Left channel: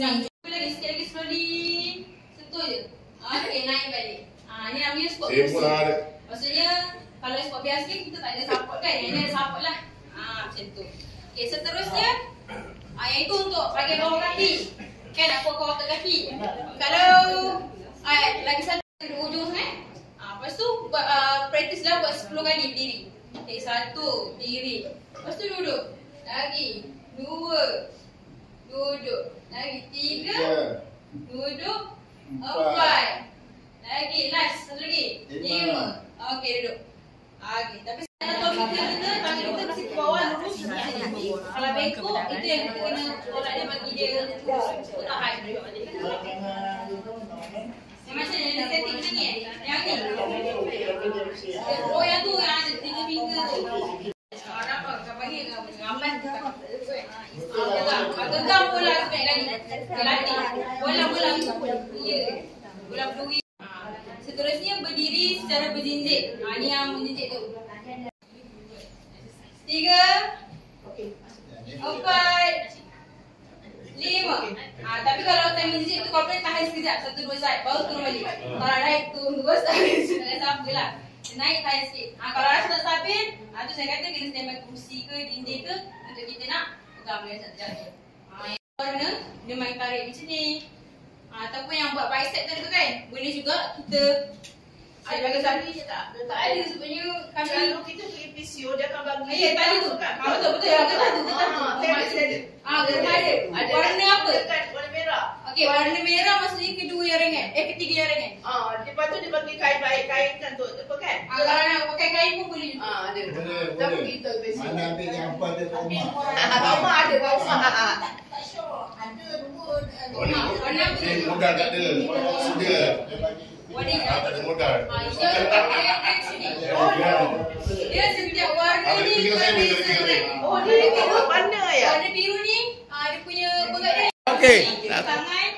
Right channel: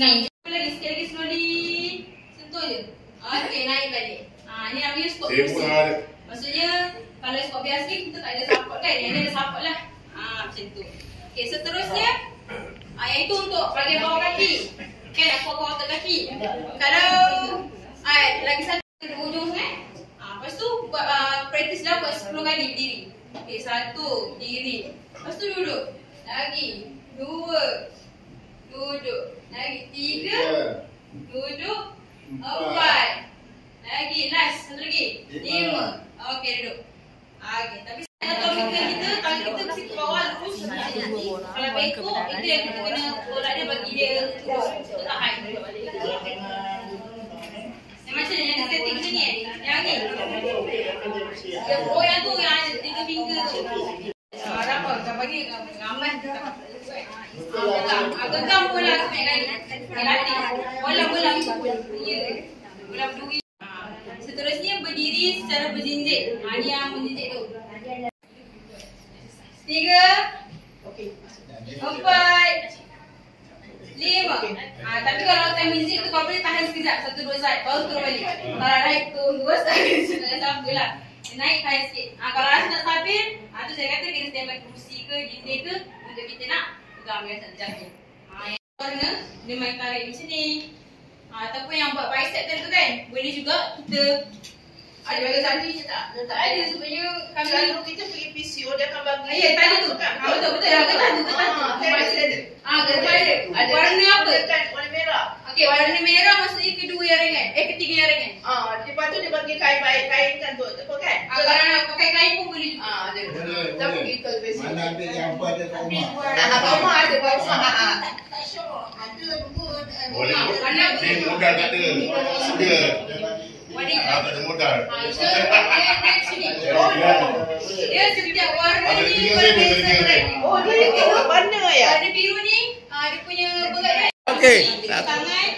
Senang. Lagi sikit lagi slowly. Sentuh je. Okey, naik balik. Ni namanya squat biasa. Maksudnya kalau squat biasa kita tak ada support kan. Yang ni ada support lah. Macam tu. Okey, seterusnya yang itu untuk bahagian bawah kaki. Kan aku akan otot kaki. Kalau lagi satu di ujung sangat. Lepas tu buat practice dah buat 10 kali berdiri. Okey, 1 berdiri. Lepas tu duduk. Lagi 2 duduk. Lagi 3 duduk. 4 lagi. Last. Satu lagi 5. Okey, duduk. Okey, tapi anatomi kita tangan kita mesti ke bawah lurus. Kalau bengkok itu yang kita kena tolak dia bagi dia tahan. Macam ni setting macam ni. Yang ni. Oh yang tu yang ada 3 finger tu. Apa kau bagi ramai genggam bola banyak kali. Latih. Bola-bola ya. Bola berduri. Seterusnya berdiri secara berjinjit. Ni yang menjinjit tu. 3 4 5. Tapi kalau time menjinjit tu kau boleh tahan sekejap. 1 2 saat baru turun balik. Kalau naik turun 2 saat jangan sampai lah. Naik tahan sikit. Kalau rasa tak stabil, tu saya kata kena standby kursi ke dinding ke untuk kita nak pegang biasa terjatuh. Yang mana dia main tarik macam ni. Ataupun yang buat bicep tu kan, boleh juga kita ada tali je tak? Tak ada sebenarnya kami kalau kita pergi PCO dia akan bagi. Ya tadi tu. Betul yang kata tu ada. Warna apa? Warna merah. Okey, warna merah maksudnya kedua yang ringan. Ketiga yang ringan. Lepas tu dia bagi kain kan tu apa kan? Kalau nak pakai kain pun boleh juga. Ada. Tapi kita PCO. Mana ambil yang apa ada kat rumah? Kat rumah ada kat rumah. Tak syok. Ada pun. Boleh. Dia modal tak ada. Sedia. Tak ada modal. Dia setiap warna ni berbeza. Dia kira warna ya? Warna biru ni dia punya berat dia. Okey. Tangan.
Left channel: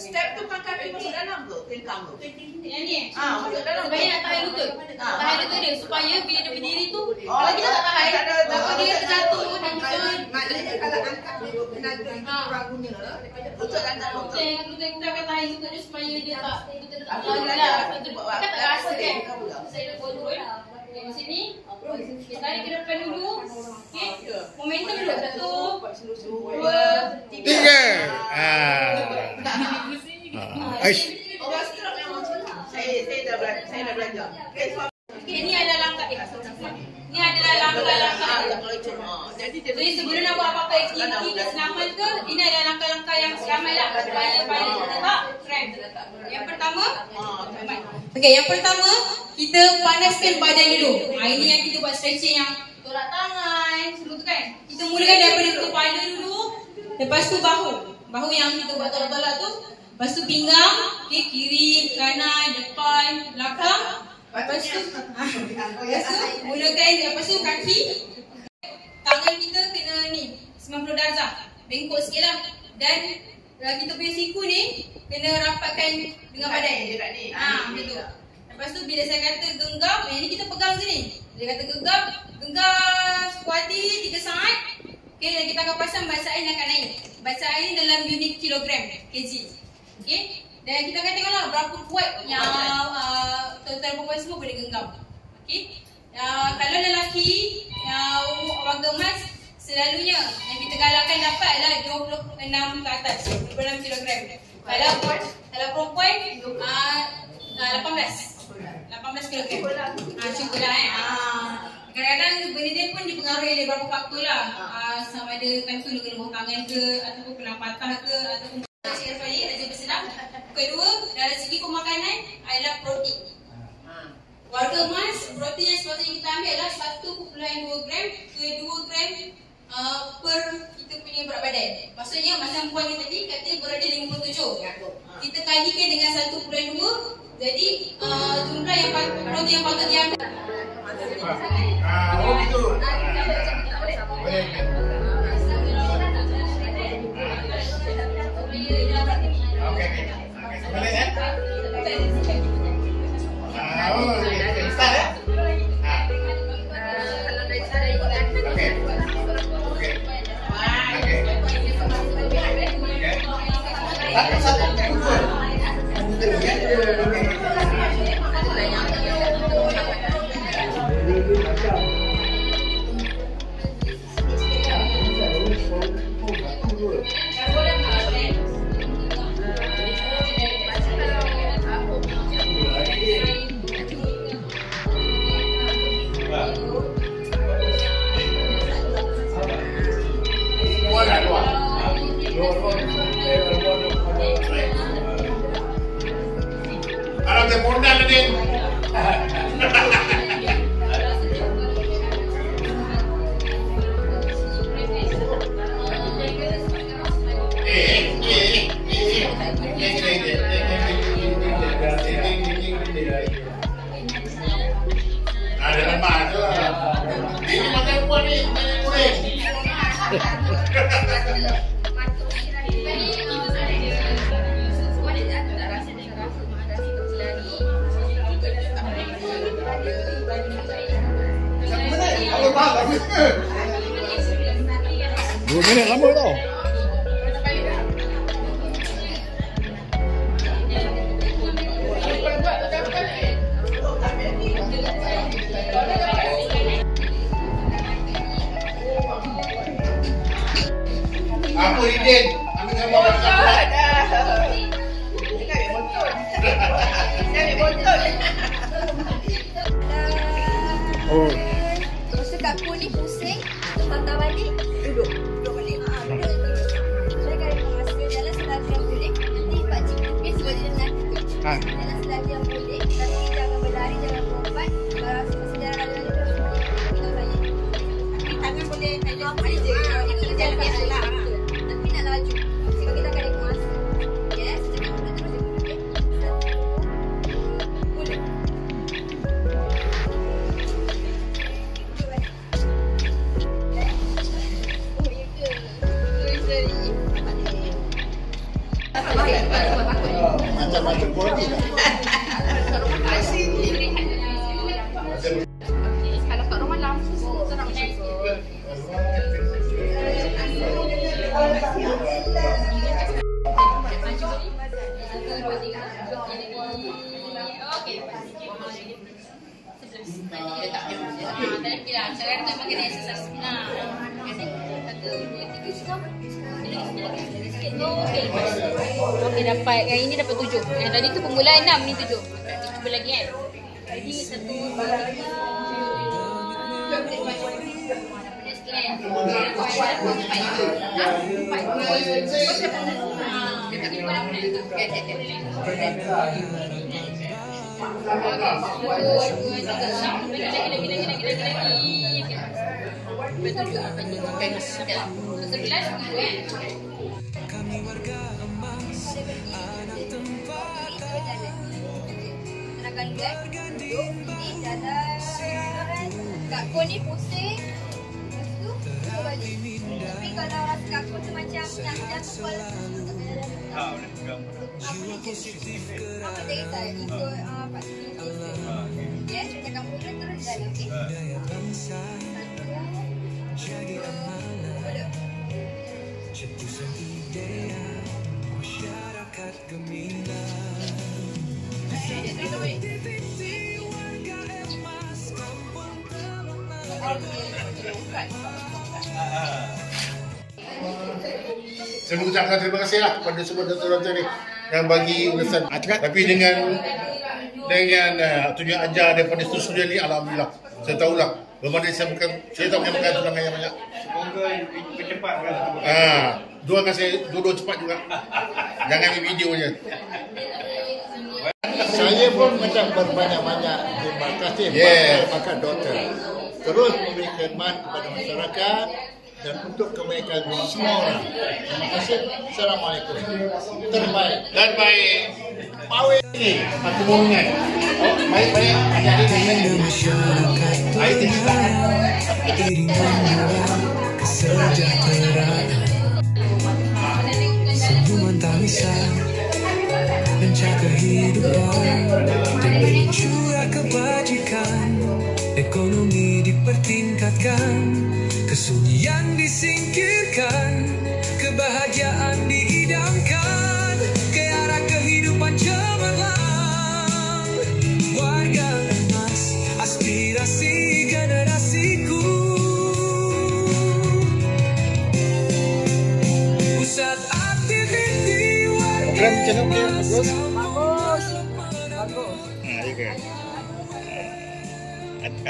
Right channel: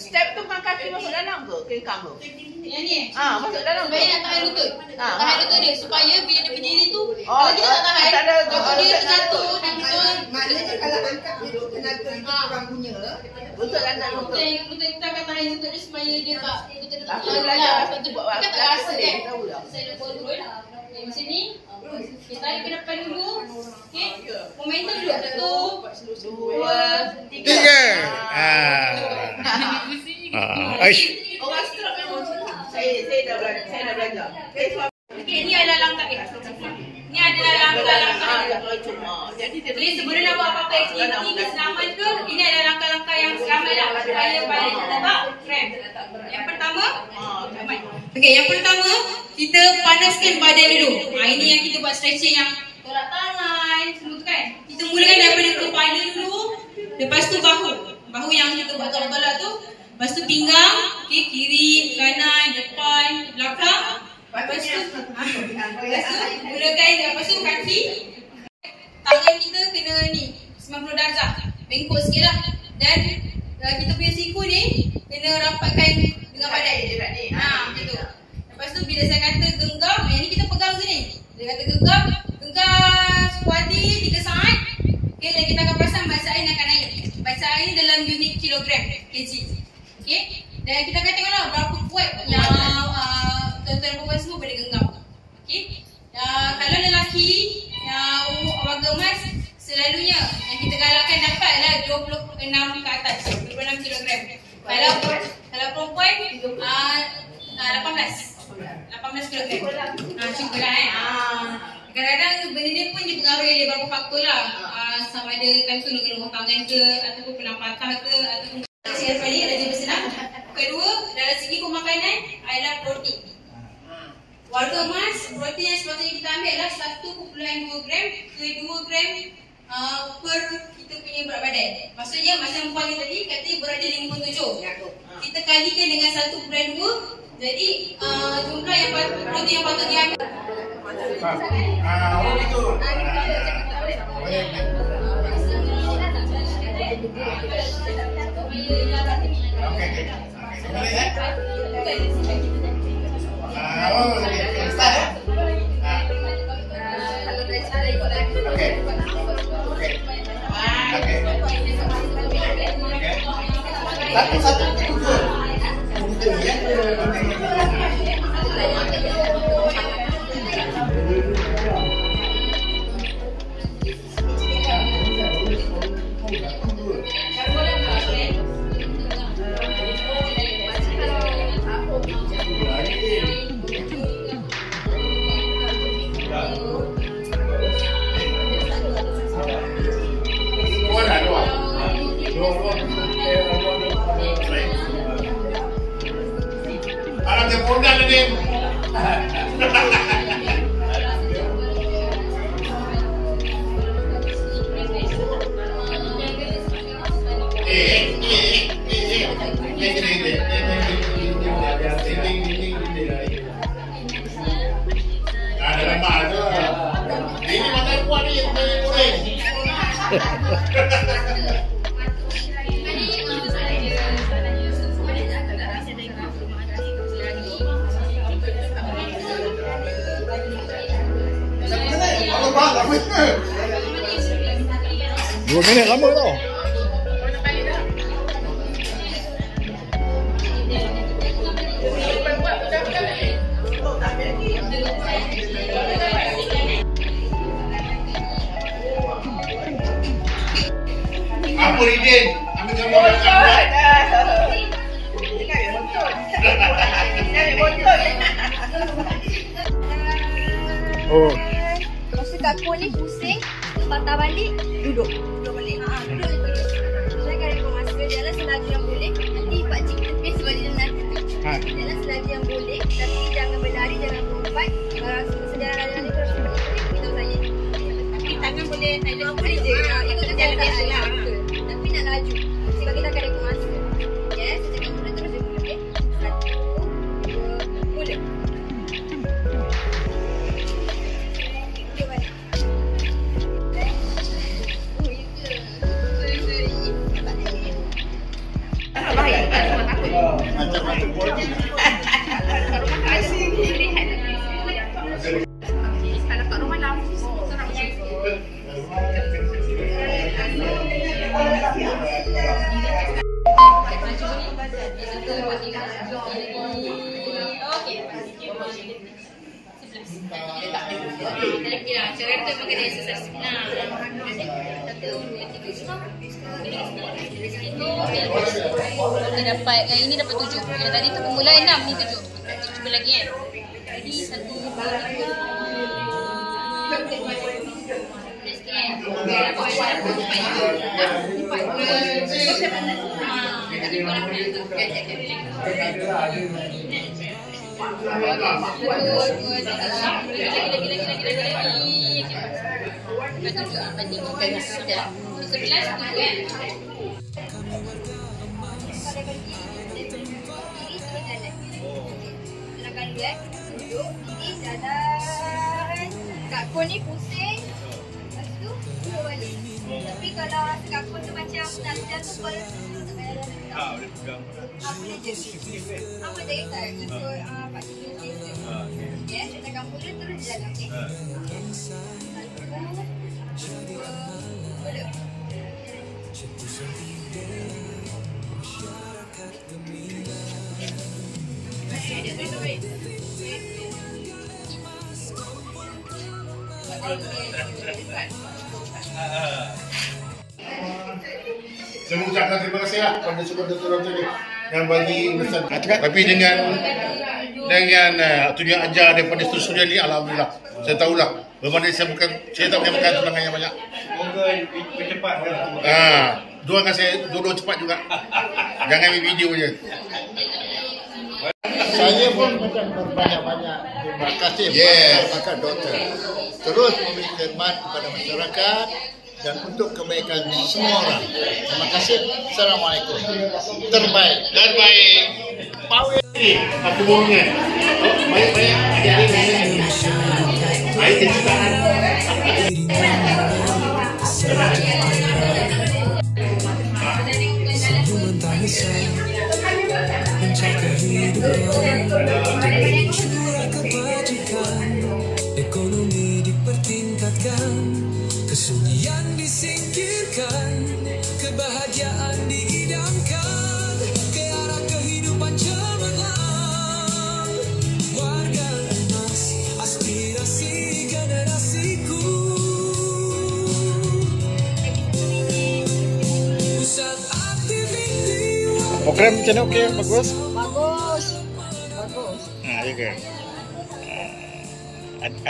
Step tu kan kaki masuk dalam ke? Kengkang tu? Yang ni? Masuk dalam. Supaya nak tahan lutut. Tahan lutut dia. Supaya bila dia berdiri tu, kalau kita tak tahan, takut dia terjatuh dan betul. Maknanya kalau angkat duduk kena orang punya lutut dan lutut. Lutut kita akan tahan lutut dia supaya dia tak lutut dia tak terlalu lah. Kita tak rasa kan. Saya dah turun. Macam ni. Kita tarik ke depan dulu. Okey. Momentum dulu. 1 2 3. Saya dah belajar. Ini adalah langkah Ini adalah langkah-langkah. Jadi sebelum nak buat apa-apa aktiviti kesenaman ke, ini adalah langkah-langkah yang selamat lah supaya badan kita tak cramp. Yang pertama, yang pertama kita panaskan badan dulu. Ini yang kita buat stretching yang tolak tangan, semua tu kan. Kita mulakan daripada kepala dulu, lepas tu bahu. Bahu yang kita buat tolak-tolak tu. Lepas tu pinggang, kiri, kanan, depan, belakang. Lepas tu mulakan, lepas tu kaki. Tangan kita kena ni 90 darjah. Bengkok sikit lah. Dan kita punya siku ni kena rapatkan dengan badan. Macam tu. Lepas tu bila saya kata genggam, yang ni kita pegang sini. Dia kata genggam sekuat hati 3 saat. Okay, dan kita akan pasang bacaan akan naik. Bacaan ni dalam unit kilogram, kg. Okay, dan kita akan tengoklah berapa kuat yang tuan-tuan perempuan semua boleh genggam. Okay, kalau lelaki yang warga emas, selalunya yang kita galakkan dapatlah 26 ke atas, 26 kilogram. Kalau perempuan 18 kilogram. Cubalah kadang-kadang benda ni pun dipengaruhi oleh beberapa faktor lah. Sama ada time tu dengan rumah tangan ke, ataupun pernah patah ke, ataupun siapa ni rajin bersenam. Kedua, dari segi pemakanan adalah protein. Warga emas, protein yang sepatutnya kita ambil adalah 1.2 gram ke 2 gram per kita punya berat badan. Maksudnya macam puan ni tadi kata berat dia 57. Kita kalikan dengan 1.2, jadi jumlah yang protein yang patut diambil. Oh gitu. Boleh. Okey. Boleh kan? Start eh? Okey. Okey. Satu-satu dua. Alam dia modal ni. Ada lemak tu. Ini makan kuah ni, goreng. Dua minit lama tau. Apa Ridin? Ambil gambar. Oh. Masa kat pun ni pusing, patah balik, duduk balik. Duduk. Saya akan rekod masa jalan selaju yang boleh. Nanti pakcik tepi sebab dia nanti tu. Jalan selaju yang boleh, tapi jangan berlari, jangan melompat. Kalau rasa masa jalan ni terus beritahu saya. Tapi tangan boleh silent je. Itu jalan biasa lah. Tapi nak laju. Sebab kita akan rekod masa. Yes, cakap mula terus dia boleh. 1, 2, mula. Macam-macam politik. Cara tu makan exercise. Kita dapat yang ini dapat 7. Yang tadi tu permulaan 6 ni 7. Kita cuba lagi kan. Jadi 1 2 Kak Kon ni pusing. Lepas tu duduk balik. Tapi kalau rasa Kak Kon tu macam nak tepal, tak payah dah. Boleh je. Apa dia kata ikut Pak Cik Nusir. Ya, saya cakap mula terus jalan. Okey. Saya mengucapkan terima kasih lah kepada semua doktor-doktor ni yang bagi ulasan. Tapi dengan tunjuk ajar daripada studio ni, alhamdulillah. Saya tahulah bermakna saya tak boleh makan tulangan yang banyak. Semoga cepat. Doakan saya dua cepat juga. Jangan ambil video je. Saya pun minta berbanyak-banyak terima kasih kepada doktor. Terus memberi khidmat kepada masyarakat dan untuk kebaikan semua orang. Terima kasih. Assalamualaikum. Terbaik. Terbaik. Power ni apa borongan? Baik-baik adik-adik ni. Air kecintaan. Senyuman tangisan menjaga kehidupan dengan curah kebajikan, ekonomi dipertingkatkan, kesunyian disingkirkan, kebahagiaan diidamkan. Program macam mana okey? Bagus? Bagus. Bagus. Ya ke?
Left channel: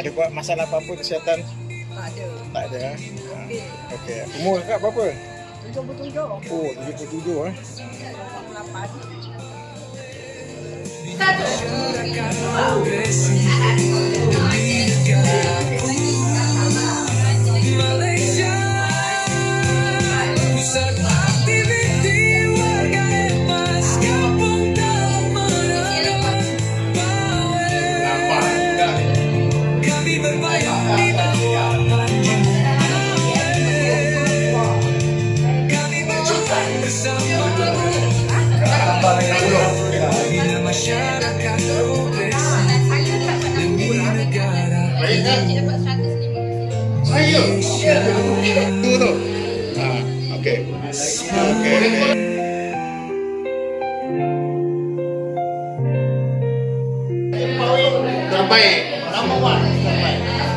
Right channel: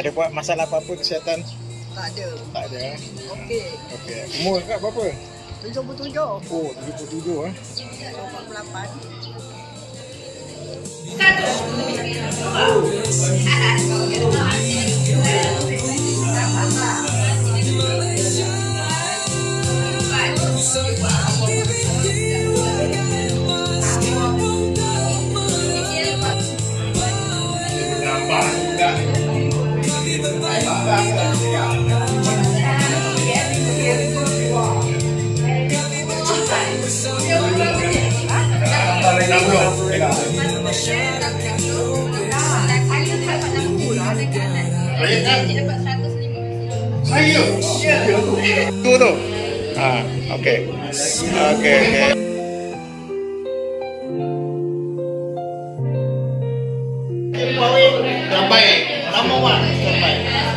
Ada buat masalah apa-apa kesihatan? Tak ada. Tak ada. Okey. Okey. Umur kakak berapa? 77. Oh, 77 eh. 48. Tu tu. Okey. Okey. Terbaik. Number 1 terbaik.